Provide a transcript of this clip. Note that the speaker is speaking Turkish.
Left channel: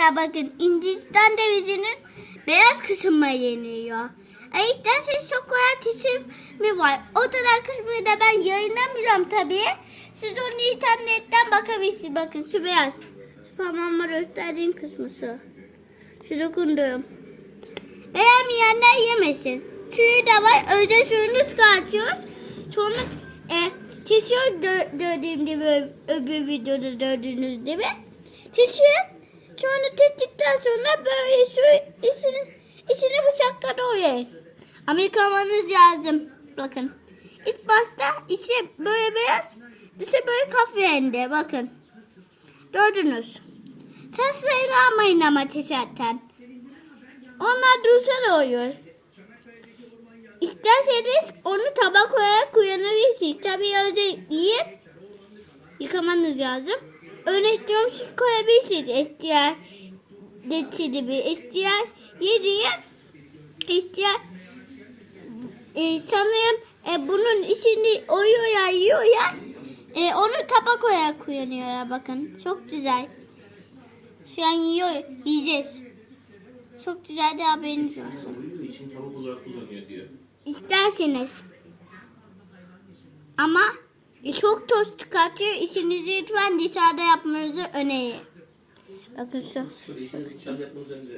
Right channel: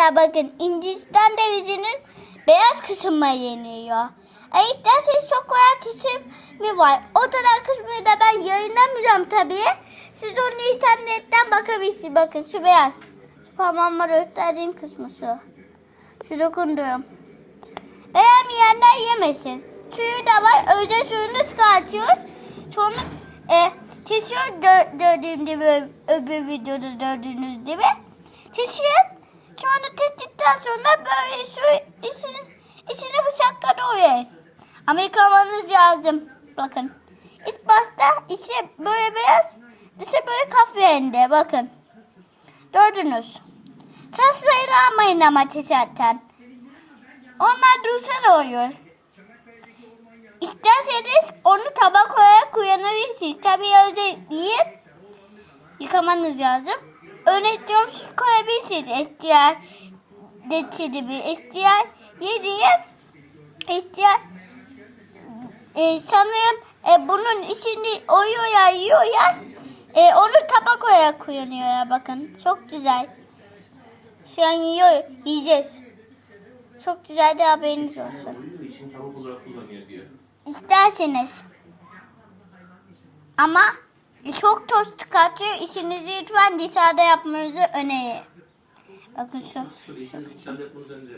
Arkadaşlar bakın Hindistan cevizinin beyaz kısmı yeniyor. E isterseniz şokolat mi var. O kadar kısmını da ben yayınlamayacağım tabii. Siz onu internetten bakabilirsiniz. Bakın şu beyaz. Parmağımla gösterdiğim kısmı şu. Şu dokunduğum. Beğenmeyenler yemesin. Suyu da var. Önce suyunu çıkartıyoruz. Sonra e, kesiyor dö- gördüğüm gibi öbür videoda gördüğünüz gibi. Kesiyor. Sonra testikten sonra böyle su içine, içine bıçakla doğrayın. Ama yıkamanız lazım. Bakın. İlk başta içi böyle beyaz, dışı böyle kahverengi. Bakın. Gördünüz. Sırayla almayın ama zaten. Onlar dursana oluyor. İsterseniz onu tabak olarak kullanabilirsiniz. Tabii öyle yiyin. Yıkamanız lazım. Diyorum siz koyabilirsiniz. İhtiyar geçidi bir ihtiyar yediye ihtiyar e, sanırım e, bunun içinde oyuyor ya yiyor ya e, onu tabak olarak kullanıyor ya bakın. Çok güzel. Şu an yiyor. Yiyeceğiz. Çok güzel de haberiniz olsun. İçin tavuk olarak kullanıyor diyor. İsterseniz. Ama çok toz çıkartıyor. İşinizi lütfen dışarıda yapmanızı öneririm. Bakın yapmanız önce